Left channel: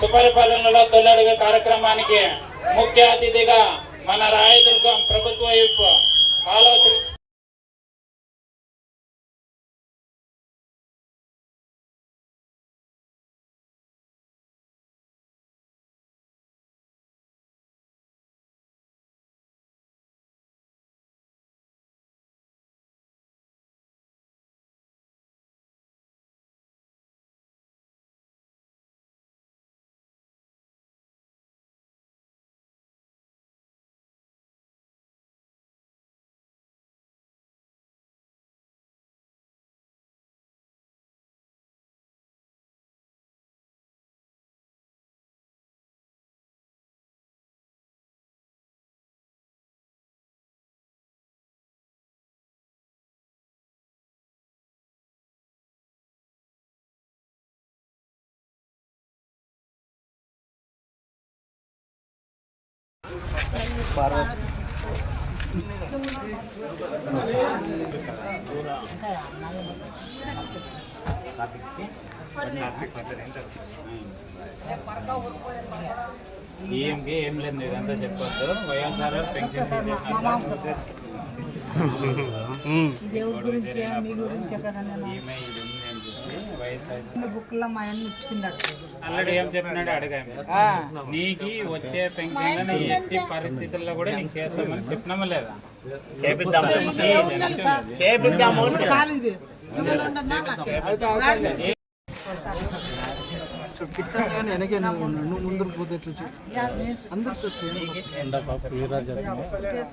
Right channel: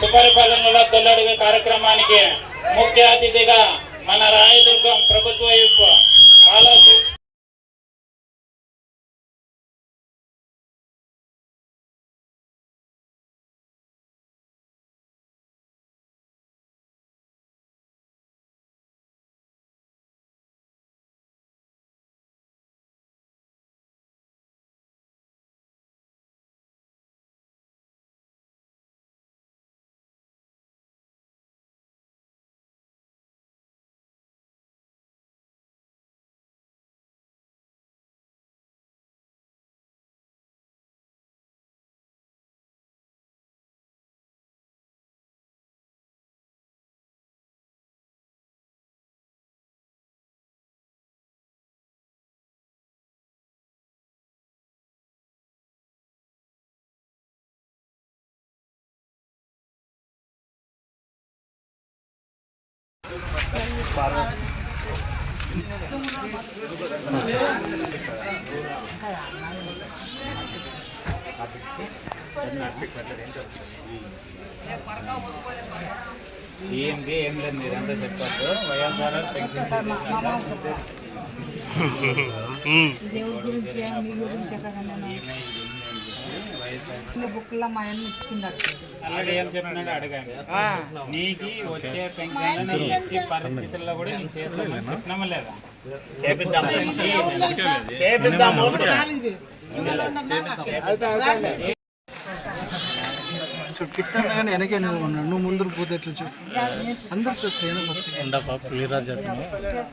సుపరిపాలనలో తొలడుగు కార్యక్రమానికి ముఖ్య అతిథిగా మన రాయదుర్గం ప్రభుత్వ వైపు కాలువ శ్రీ- ఏం లేదు. మీరంతా చెప్పొద్దు వైఎస్ఆర్ పెన్షన్ దేవుడి గురించే మీ గురించే కదా నేను బుక్లో మా అన్న ఇచ్చిండట ఆల్రెడీ ఏం చెప్పినాడు అడగాను నీకు వచ్చే పెన్షన్ ఎట్టి పరిస్థితుల్లో కూడా నీకు చేసుకోమని చెప్పినామా లేదా. నువ్వు ముందు పోతే ఎట్లా చెప్పు అందరితో సేమ్ చేస్తే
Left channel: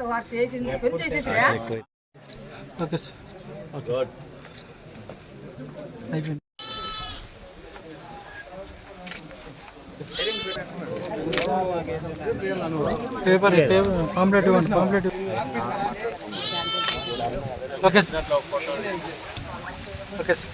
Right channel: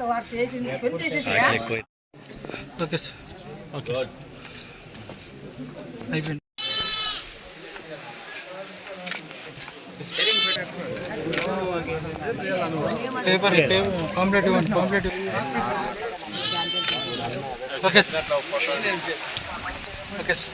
వాడు చేసింది కొని చేసేసిరా? ఓకే. సార్ ఓకే అయిపోయింది. పేపర్ పేపర్ పాంప్లెట్ ఇవ్వండి pamphlet okay sir okay sir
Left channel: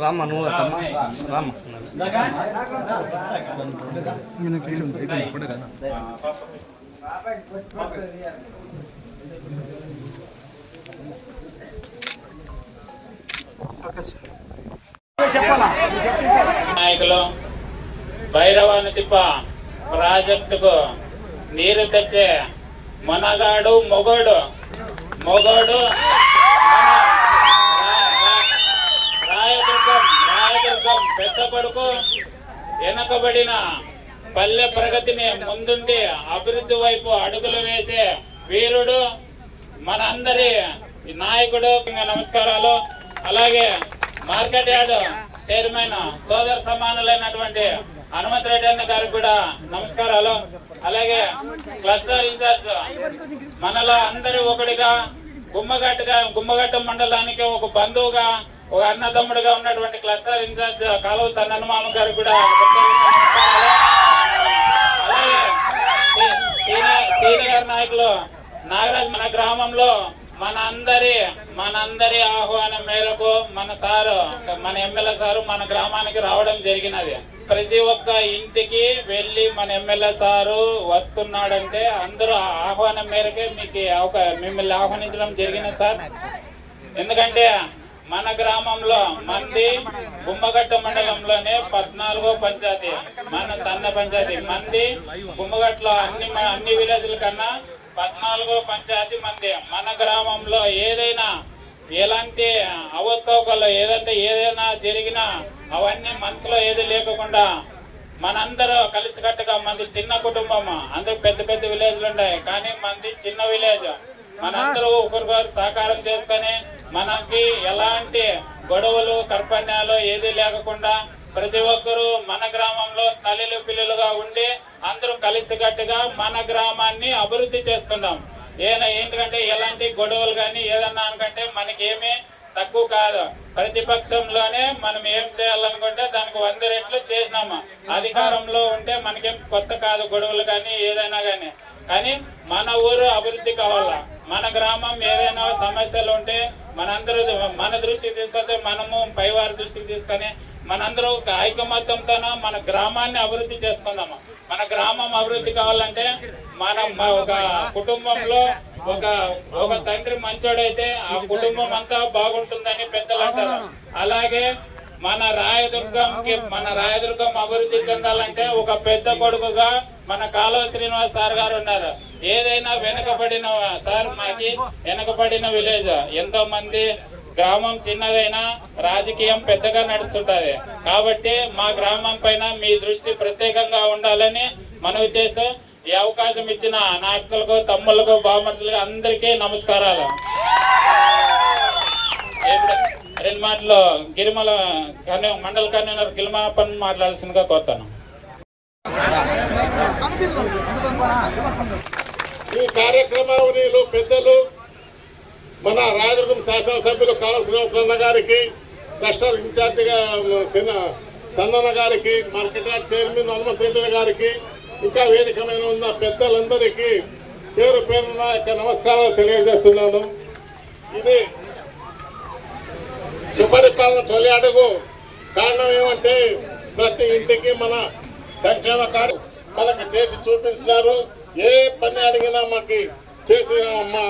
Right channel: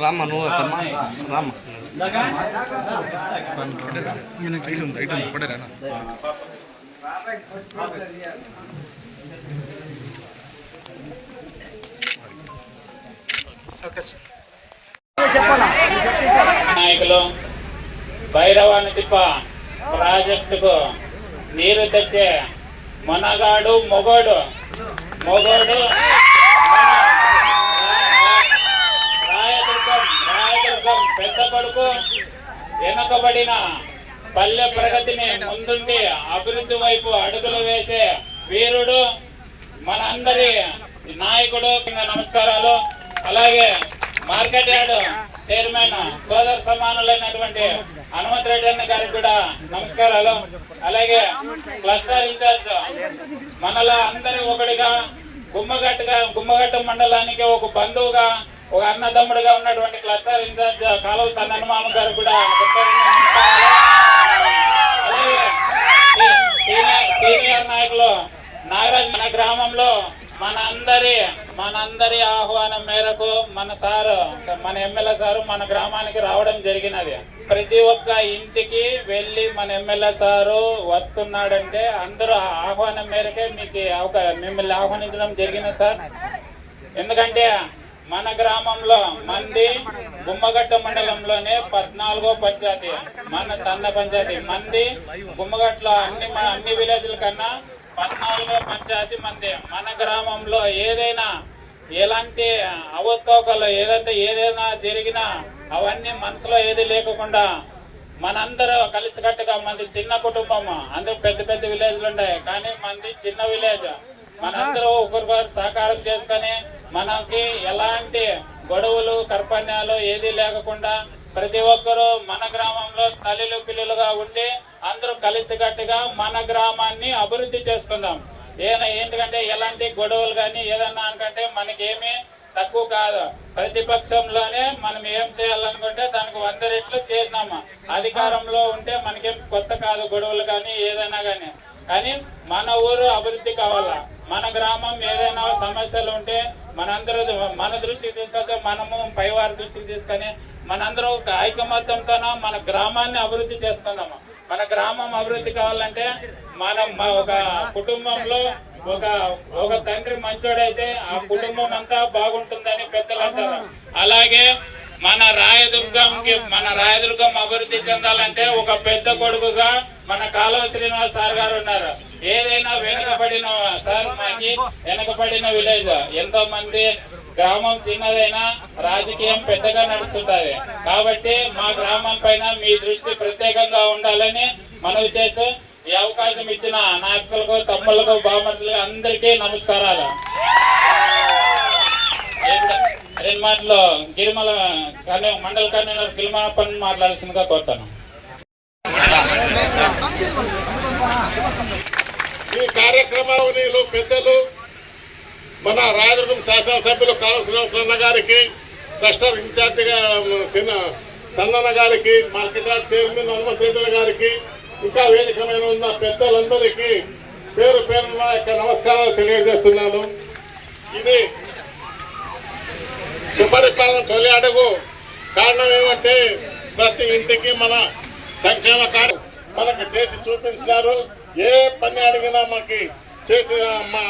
రామ్మ నువ్వు రామ్మ నాయకులు భైరవాని తిప్ప ప్రాజెక్టుకు నీరు తెచ్చే మనగాడు మొగడు మొగడు రాయదుర్గం రాయదుర్గం పెద్ద కొడుకు వెనుకబడిన పల్లె ప్రగతిని ముందుండి అభివృద్ధి వైపు అడుగులు వేసే వీరుడు మనందరి నాయకుడు నమస్కారాలు అలాగే మార్కెట్ యార్డ్ చైర్మన్ సోదర సమానులైనటువంటి హనుమంత్ రెడ్డి అన్న గారికి కూడా నమస్కారాలు. అలాగే క్లస్టర్ ఇన్ఛార్జ్ మనలో అందరి ఒకటిగా గుమ్మగట్టుగా గుమ్మగట్టు మండలానికి ఒక బంధువుగా ఒక అన్నదమ్ముడుగా ఉన్నటువంటి క్లస్టర్ ఇన్ఛార్జ్ కాలువ సన్నమామ గారు కూడా సీనియర్ సీనియర్ నాయకులు నాగరాజ్ మన గ్రామంలో మన అందరి మనందరి ఆహ్వానం మేరకు మన సారు మన ఎమ్మెల్యే సారు మన గ్రామానికి రావడం జరిగినది. ప్రతి ఒక్క ఇంటికి వెళ్ళి మన ఎమ్మెల్యే సారు వస్తున్నాడంటే అందరూ ఆహ్వానం మేరకే మీకు అవకా మిమ్మల్ని ఆహ్వానించడం జరిగినది సార్. ఎందుకంటే మన గ్రామంలో మంది గుమ్మగట్ట మండలంలోనే పద్నాలుగో పంచాయతీ మన సన్న పంచాయతీ. మంది గుమ్మగట్లో అన్ని అన్ని విలేజ్ల కన్నా పద్నాలుగో పంచాయతీ మంది. మన గ్రామంలో ఏదైనా ఎలాంటి అవకతవకలు ఏదంటే ఏదైనా జరిగినా అవన్నీ మనసులో ఏది లేకుండా మనందరూ కలిసికట్టుగా మంది చిన్న కుటుంబం. అందరూ పెద్ద పెద్ద విలేజ్లు ఉన్నాయి. కానీ మంది చిన్న విలేజ్. మనందరూ ఒకరికొకరు సహకారం చేసుకొని మనకి ఎలాంటి గొడవలు కర్పణ్యాలు ఏది లేకుండా ప్రతి ఒక్కరూ మన గ్రామంలో తల్లిలు పిల్లలుగా ఉండి అందరూ కలిసికట్టుగా మన గ్రామాన్ని అభివృద్ధి చేసుకుందాం. ఏదైనా ఏంటంటే ఎలాంటి గొడవలు కానీ ఏదన్నా అనుకంటే మనకేమీ తక్కువ కాదు. ప్రతిపక్షంలోనే మనం ఏం చేయాలనుకుంటే దానికి వంద రెట్లు చేసినాము. అధికారంలో ఉంటే మనకేం కొత్త కాదు గొడవలు కానీ ఏదైనా కానీ. కానీ మన ఊరు అభివృద్ధి కావాలా? మన గ్రామం ఏదైనా సమస్యలు ఉంటే మనందరూ మన దృష్టికి తీసుకొస్తే మనము పైవారి దృష్టికి తీసుకొని మనందరం ఒక ఐకమత్యంతో మన గ్రామాన్ని అభివృద్ధి చేసుకుందాము? మన గ్రామం అభివృద్ధి కావాలంటే మనం ఒక కుటుంబంలో ఒక ఒక తండ్రి మంచోడైతే ఆ కుటుంబం అంతా బాగుంటుందని పెద్దలు అంటారు. అలాగే మన రాయదుర్గంకి మన రాయదుర్గం అభివృద్ధి చెందాలంటే ఒక పెద్ద కొడుకుగా మన కాలువ శ్రీనివాస్ సార్ గారు ఉన్నారు. ఏదైనా వెనుకబడిన సార్ మాకి వెనుకబడిన విలేజ్. ఎంతో మంది గ్రామం చిన్నదైనా రాజకీయం పెద్దగా నడుస్తుంటది. కాబట్టి మా గ్రామం పైన మీ దృష్టి ప్రత్యేకంగా ఉండాలని మనవి చేస్తూ ఈ అవకాశం ఇచ్చిన నాయకులకు తమ్ములకు బామతులకు అందరికీ నమస్కారాలు. రెండు మాటలు గిరిమల కన్య మండల కన్వీనర్ గిరిమలప్పని మాట్లాడాల్సిందిగా కోరుతాను. ఈ కార్యక్రమాలు పెద్దలు మన రాజకీయ శాసనసభ్యులు కావలసిన గారికి క్లస్టర్ ఇన్ఛార్జిగా చిన్న సన్నన్న గారికి మార్కెట్ యార్డ్ చైర్మన్ హనుమంతరెడ్డి గారికి ఇంకా వేదిక మీద ఉన్న పెద్దలందరికీ పేరు పేరున యొక్క నమస్కారాలు తెలియజేస్తున్నాను. ఇది సుపరిపాలన తొలి అడుగు. కారణం ఏమంటే ప్రతి ఇంటికి మన సంక్షేమ కార్యం మనకు చేసి చూపించినారు. ఏ పని అడిగినా మాకు చేసి మా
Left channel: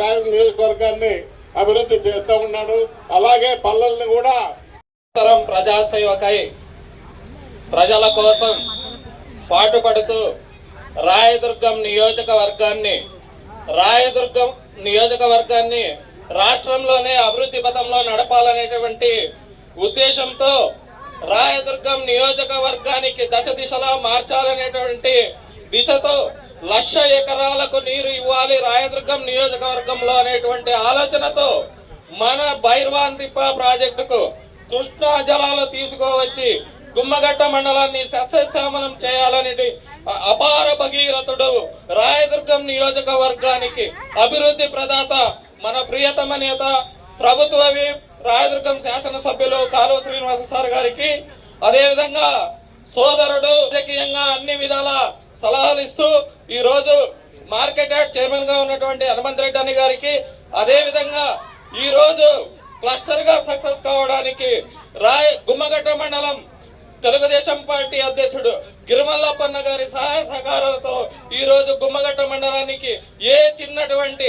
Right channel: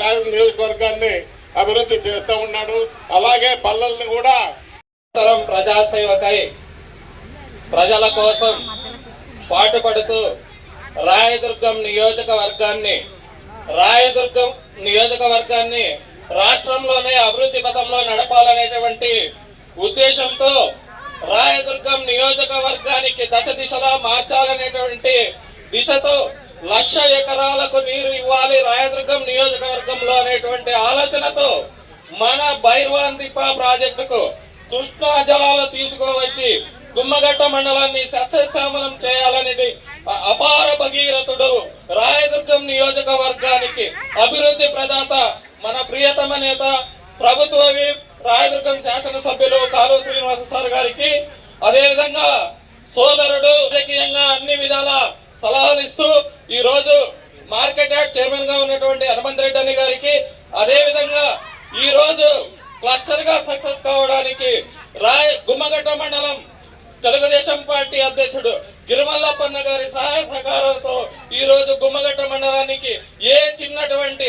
రాజు నియోజకవర్గాన్ని అభివృద్ధి చేస్తూ ఉన్నాడు. అలాగే పల్లెల్ని కూడా తరం ప్రజాసేవకై ప్రజల కోసం పాటుపడుతూ రాయదుర్గం నియోజకవర్గాన్ని రాయదుర్గం నియోజకవర్గాన్ని రాష్ట్రంలోనే అభివృద్ధి పథంలో నడపాలనేటువంటి ఉద్దేశంతో రాయదుర్గం నియోజకవర్గానికి దశ దిశలా మార్చాలనేటువంటి దిశతో లక్ష ఎకరాలకు నీరు ఇవ్వాలి రాయదుర్గం నియోజకవర్గంలో అనేటువంటి ఆలోచనతో మన బైర్వాన్ దిప్ప ప్రాజెక్టుకు కృష్ణా జలాలు తీసుకువచ్చి గుమ్మగట్ట మండలాన్ని సస్యశ్యామలం చేయాలనేది అపార భగీరథుడు రాయదుర్గం నియోజకవర్గానికి అభివృద్ధి ప్రదాత మన ప్రియతమ నేత ప్రభుత్వ రాయదుర్గం శాసనసభ్యులు కాలువ శ్రీనివాస సార్ గారికి అదేవిధంగా సోదరుడు రాజకీయంగా అన్ని విధాల సలహాలు ఇస్తూ ఈ రోజు మార్కెట్ యార్డ్ చైర్మన్గా ఉన్నటువంటి హనుమంత్ రెడ్డి అని గారికి అదే విధంగా ఈ రోజు క్లస్టర్గా సక్సెస్ కావడానికి రాయ్ గుమ్మగట్ట మండలం తెలుగుదేశం పార్టీ అధ్యక్షుడు గిరిమల్లప్పన్న గారి సహాయ సహకారంతో ఈ రోజు గుమ్మగట్ట మండలానికి ఏ చిన్నటువంటి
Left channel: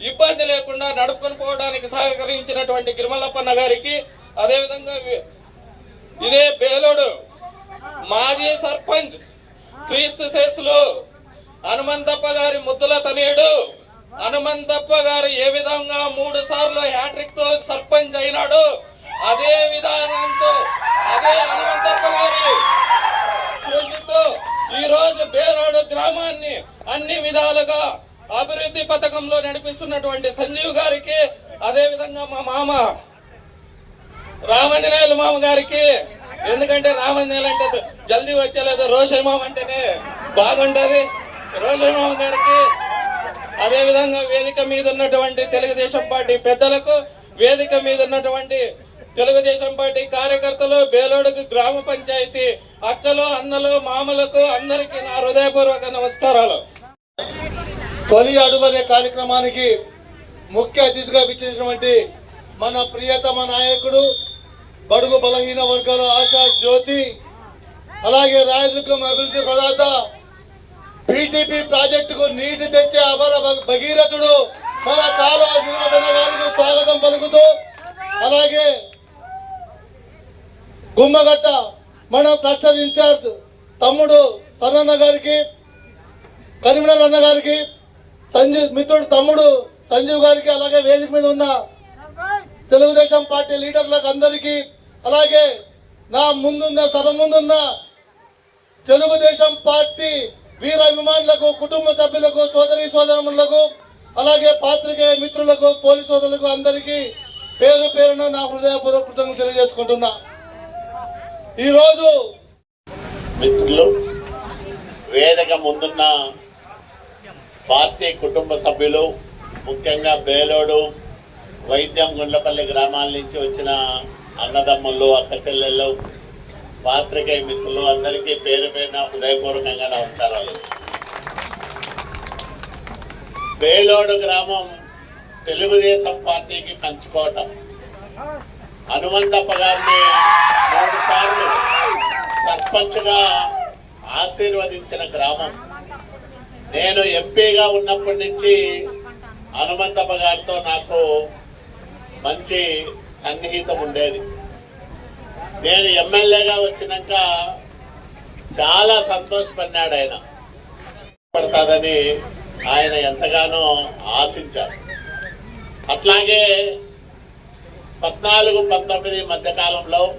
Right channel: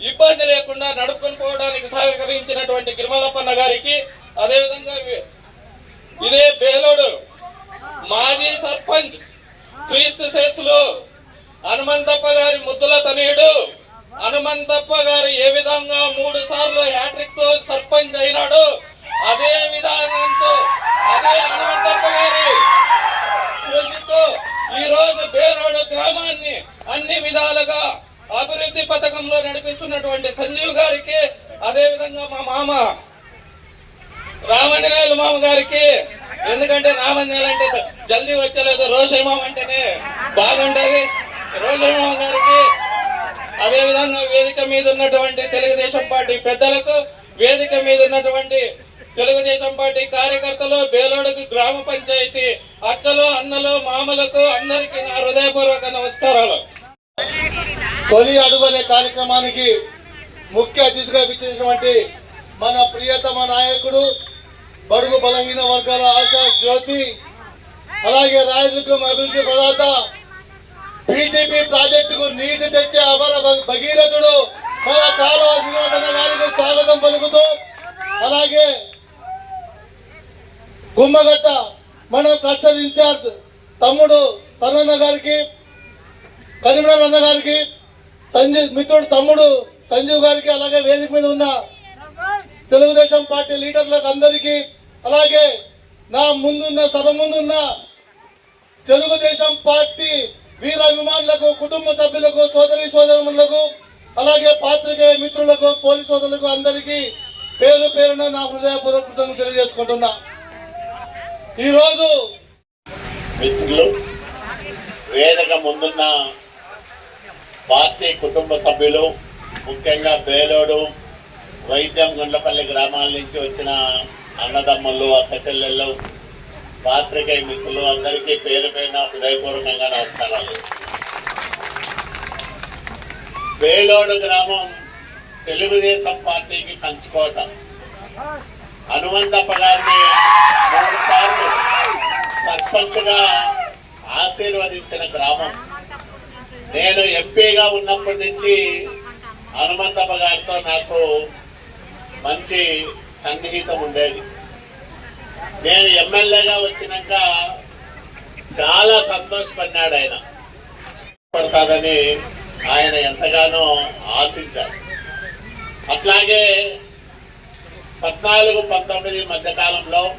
ఇబ్బంది లేకుండా నడుపుకొని పోవడానికి సహకరించినటువంటి గిరిమల్లప్పన్న గారికి అదేవిధంగా ఇదే బేలోడు మాజీ సర్పంచ్ క్రీస్తు శేషులు హనుమంతప్ప గారి ముద్దుల తనయుడు. హనుమంతప్ప గారు ఏ విధంగా మూడు సార్లు హ్యాట్రిక్తో సర్పంచ్ అయినాడు అదే విధానంతో అదే హనుమంతప్ప గారి కృషితో ఈ రోజు బేనాడు గ్రామాన్ని అన్ని విధాలుగా అభివృద్ధి పథకంలో నడిపిస్తున్నటువంటి సంజీవ్ గారికి అదే విధంగా మా మామ రామంజనేయులు మామ గారికి ఎందుకంటే రామంజనేయులు అంటే జల్దీ వచ్చలేదు రోషన్ మామ అంటేనే బాగుంటది రోషన్ గారికి అదేవిధంగా వేదిక మీద ఉన్నటువంటి తెలుగుదేశం పార్టీ పెద్దలకు వేదిక మీద ఉన్నటువంటి తెలుగుదేశం పార్టీ కార్యకర్తలు బేలోడుకు గ్రామ పంచాయతీ అక్కలు అన్నలు మామలకు అందరికీ నా హృదయపూర్వక నమస్కారాలు. తొలి అడుగు అనే కార్యక్రమానికి ముఖ్య అతిథిగా ఇచ్చినటువంటి మన ప్రియతమ నాయకుడు బడుగు బలహీన వర్గాల ఆశా జ్యోతి అలాగే రాయదుర్గం అభివృద్ధి ప్రదాత పీటీపీ ప్రాజెక్టుకు నీటి తెచ్చే అమర భగీరథుడు మన కాలువ శ్రీనాథన్న గారికి స్వాగతం పలుకుతూ అలాగే గుమ్మగట్ట మన క్లస్టర్ ఇన్ఛార్జ్ తమ్ముడు సనన్న గారికి కరీంనగర్ అన్న గారికి సంజీవ్ మిత్రుడు తమ్ముడు సంజీవ్ గారికి అలాగే వేదిక మీద ఉన్న తెలుగుదేశం పార్టీ లీడర్లకు అందరికీ అలాగే నా ముందున్న సభ ముందున్న తెలుగుదేశం పార్టీ వీర అభిమానులకు కుటుంబ సభ్యులకు సోదరి సోదరులకు అలాగే పాత్రికేయ మిత్రులకు పోలీసు సోదరులకు అందరికీ పేరు పేరున నా హృదయపూర్వక కృతజ్ఞతలు తెలియజేసుకుంటున్నా. ఈరోజు మిత్రులు వేదిక ముందున్న పార్టీ కుటుంబ సభ్యులు ముఖ్యంగా బేలోడు వైద్యం గుండ్లపల్లి గ్రామాల నుంచి వచ్చిన అన్నదమ్ములు అక్క చెల్లెళ్ళు పాత్రికేయ మిత్రులు అందరికీ పేరు పైన హృదయపూర్వకంగా నమస్కారాలు. వేలోడు గ్రామం తెలుగుదేశం పార్టీకి పంచుకోవటం హనుమంతప్ప గారిని మూడు సార్లు సర్పంచ్గా ఆశీర్వదించిన గ్రామం. నేను ఎంపీగా ఉన్నప్పటి నుంచి హనుమంతప్ప గారితో నాకు మంచి సన్నిహితం ఉండేది. నేను ఎమ్మెల్యేగా వచ్చినాక చాలా సంతోషపడినాడు ఆయన. పడతాదని ఆయన ఎంతగానో ఆశించారు. అట్లాగే పద్నాలుగు పంతొమ్మిది మధ్య కాలంలో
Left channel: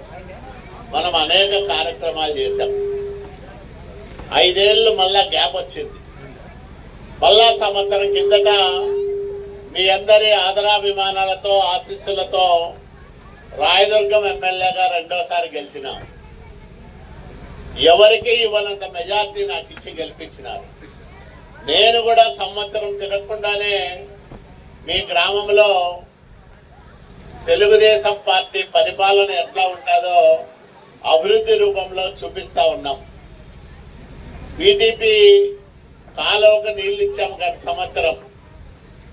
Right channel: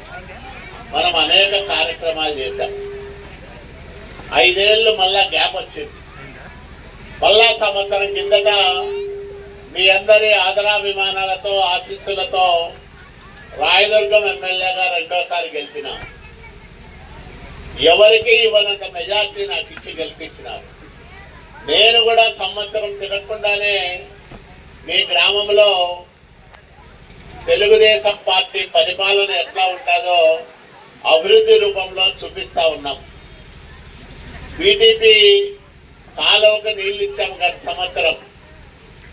మనం అనేక కార్యక్రమాలు చేశాం. ఐదేళ్ళు మళ్ళా గ్యాప్ వచ్చింది. మళ్ళా సంవత్సరం కిందట మీ అందరి ఆదరాభిమానాలతో ఆశీస్సులతో రాయదుర్గం ఎమ్మెల్యేగా రెండోసారి గెలిచిన ఎవరికి ఇవ్వనంత మెజార్టీ నాకు ఇచ్చి గెలిపించినారు. నేను కూడా సంవత్సరం తిరగకుండానే మీ గ్రామంలో తెలుగుదేశం పార్టీ పరిపాలన ఎట్లా ఉంటుందో అభివృద్ధి రూపంలో చూపిస్తా ఉన్నాం. బీటీపీ కాలువకు నీళ్ళు ఇచ్చాం గత సంవత్సరం.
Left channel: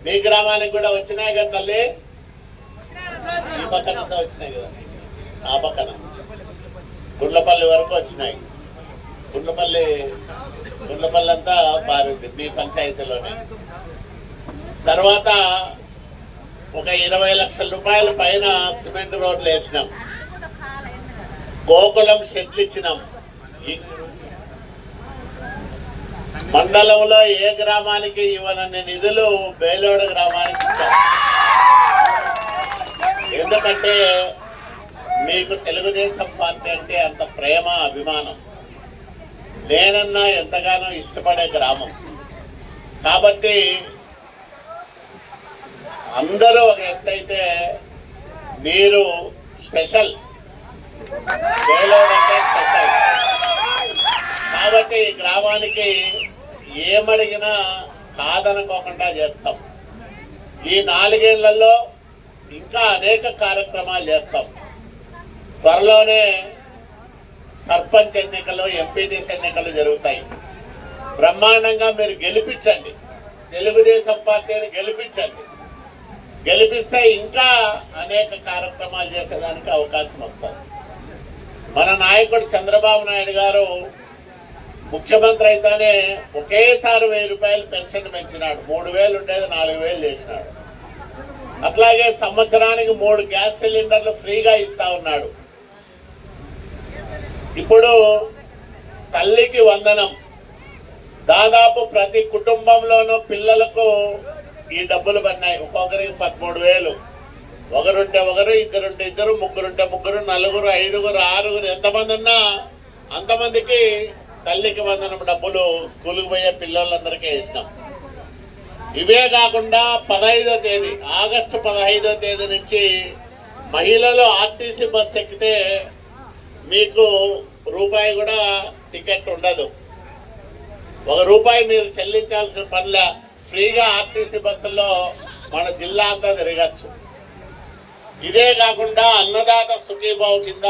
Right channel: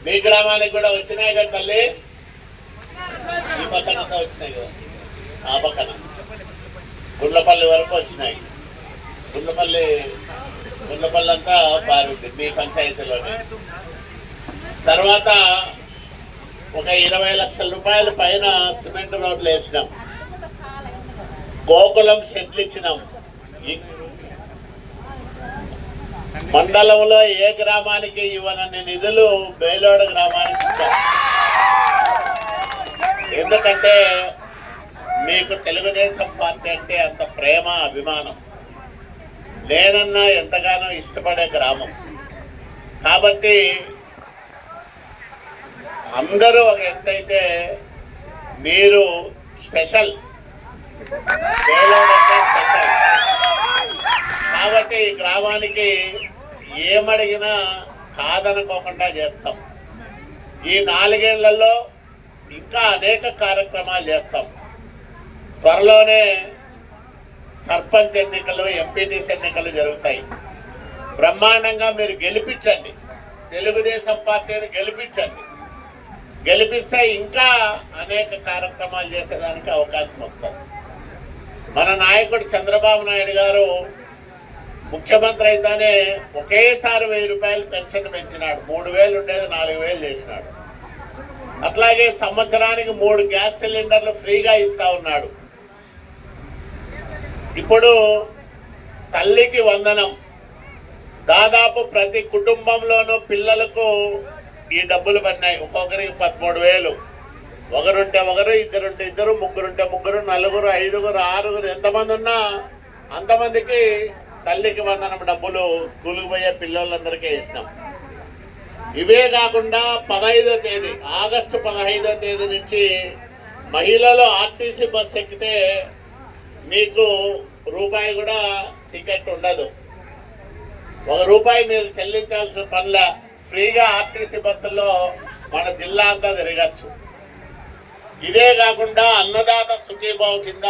మీ గ్రామానికి కూడా వచ్చినాయి కదా తల్లి? పక్కన వచ్చినాయి కదా. ఆ పక్కన. గుండ్లపల్లి వరకు వచ్చినాయి. గుండ్లపల్లి గుండ్లపల్లి అంతా పారింది మీ పంచాయతీలోనే. తర్వాత ఒక ఇరవై లక్షల రూపాయల పైన సిమెంట్ రోడ్లు వేసినాం. గోకులం షెడ్లు ఇచ్చినాం. మండలంలో ఏ గ్రామానికి ఇవ్వనన్ని నిధులు బేలోడ గ్రామానికి ఇచ్చాం ఎందుకంటే మీకు తెలుగుదేశం పార్టీ అంటే అంత ప్రేమ అభిమానం నేనన్నా ఎంతగానో ఇష్టపడే గ్రామం. కాబట్టి అందరూ ఒక ఎత్తైతే మీరు స్పెషల్ అంటే స్పెషల్. కాబట్టి గ్రామానికి ఏమడిగినా కాదనుకోకుండా చేస్తాం. ఈ నాలుగేళ్ళలో ఇంకా అనేక కార్యక్రమాలు చేస్తాం. త్వరలోనే సర్పంచ్ ఎన్నికలు ఎంపీటీసీ ఎన్నికలు జరుగుతాయి. బ్రహ్మాండంగా మీరు గెలిపించండి. తెలుగుదేశం పార్టీని గెలిపించండి. గెలిపిస్తే ఇంకా అనేక కార్యక్రమాలు చేసేదానికి అవకాశం వస్తుంది. మన నాయకుడు చంద్రబాబు నాయుడు గారు ముఖ్యమంత్రి అయితేనే ఒకేసారి వెయ్యి రూపాయలు పెన్షన్ పెంచినాడు. మూడు వేలు ఉండేది నాలుగు వేలు చేసినాడు. అట్లాగే సంవత్సరానికి మూడు గ్యాస్ సిలిండర్లు ఫ్రీగా ఇస్తా ఉన్నాడు. ఇప్పుడు తల్లికి వందనం. దాదాపు ప్రతి కుటుంబంలోనూ పిల్లలకు ఈ డబ్బులు పడినాయి. ఒక్కొక్కరికి పదమూడు వేలు. ఒకరుంటే ఒకరు ఇద్దరుంటే ఇద్దరు ముగ్గురుంటే ముగ్గురు నలుగురు ఐదుగురు ఆరుగురు ఎంతమంది ఉన్నా అంతమందికి తల్లికి వందనం డబ్బులు స్కూల్కి పోయే పిల్లలందరికీ ఇచ్చినాం ఇవే కాకుండా పదహైదో తేదీ ఆగస్టు పదహైదో తేదీ నుంచి మహిళలు ఆర్టీసీ బస్ ఎక్కితే మీకు రూపాయి కూడా టికెట్ ఉండదు. ఒక రూపాయి మీరు చెల్లించాల్సిన పనుల ఫ్రీగా ఆర్టీసీ బస్సుల్లో మన జిల్లా అంతా తిరగచ్చు. ఇదే కాకుండా అన్నదాత సుఖీభావ్ కింద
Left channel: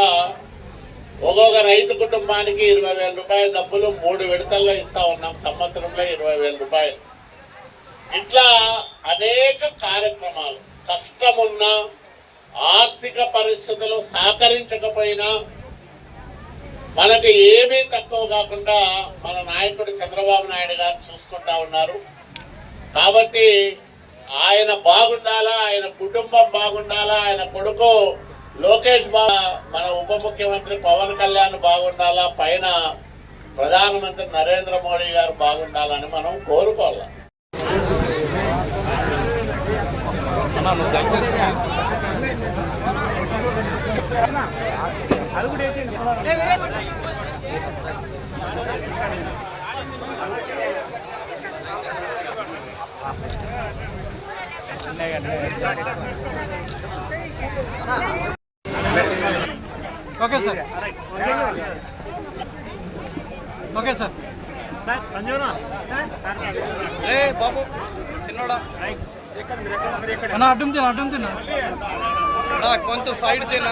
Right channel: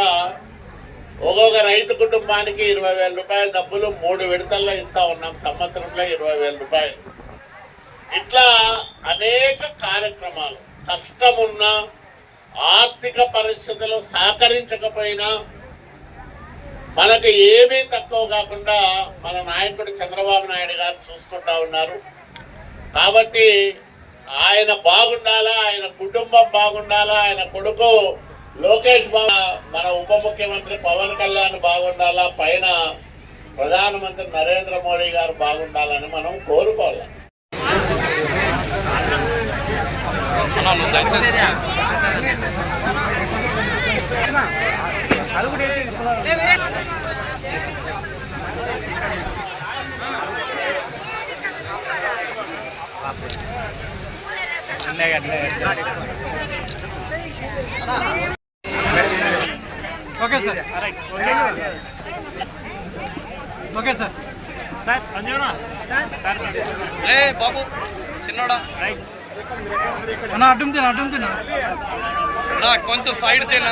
ఒక్కొక్క రైతు కుటుంబానికి ఇరవై వేల రూపాయల డబ్బులు మూడు విడతల్లో ఇస్తా ఉన్నాం. సంవత్సరంలో ఇరవై వేల రూపాయలు. ఇట్లా అనేక కార్యక్రమాలు. కష్టమున్నా ఆర్థిక పరిస్థితులు సహకరించకపోయినా మనకు ఏమీ తక్కువ కాకుండా మన నాయకుడు చంద్రబాబు నాయుడు గారు చూసుకుంటా ఉన్నారు. కాబట్టి ఆయన బాగుండాలా ఆయన కుటుంబం బాగుండాలా ఆయన కొడుకు లోకేష్ బాబు మన ఉప ముఖ్యమంత్రి పవన్ కళ్యాణ్ బాగుండాలా పైన ప్రధానమంత్రి నరేంద్ర మోడీ గారు బాగుండాలని మనం కోరుకోవాలి. Okay sir. Okay sir. రే బాబు చిన్నోడా? అన్న అడ్డం తిన అడ్డం తిన. కొంచెం సైడ్ తిన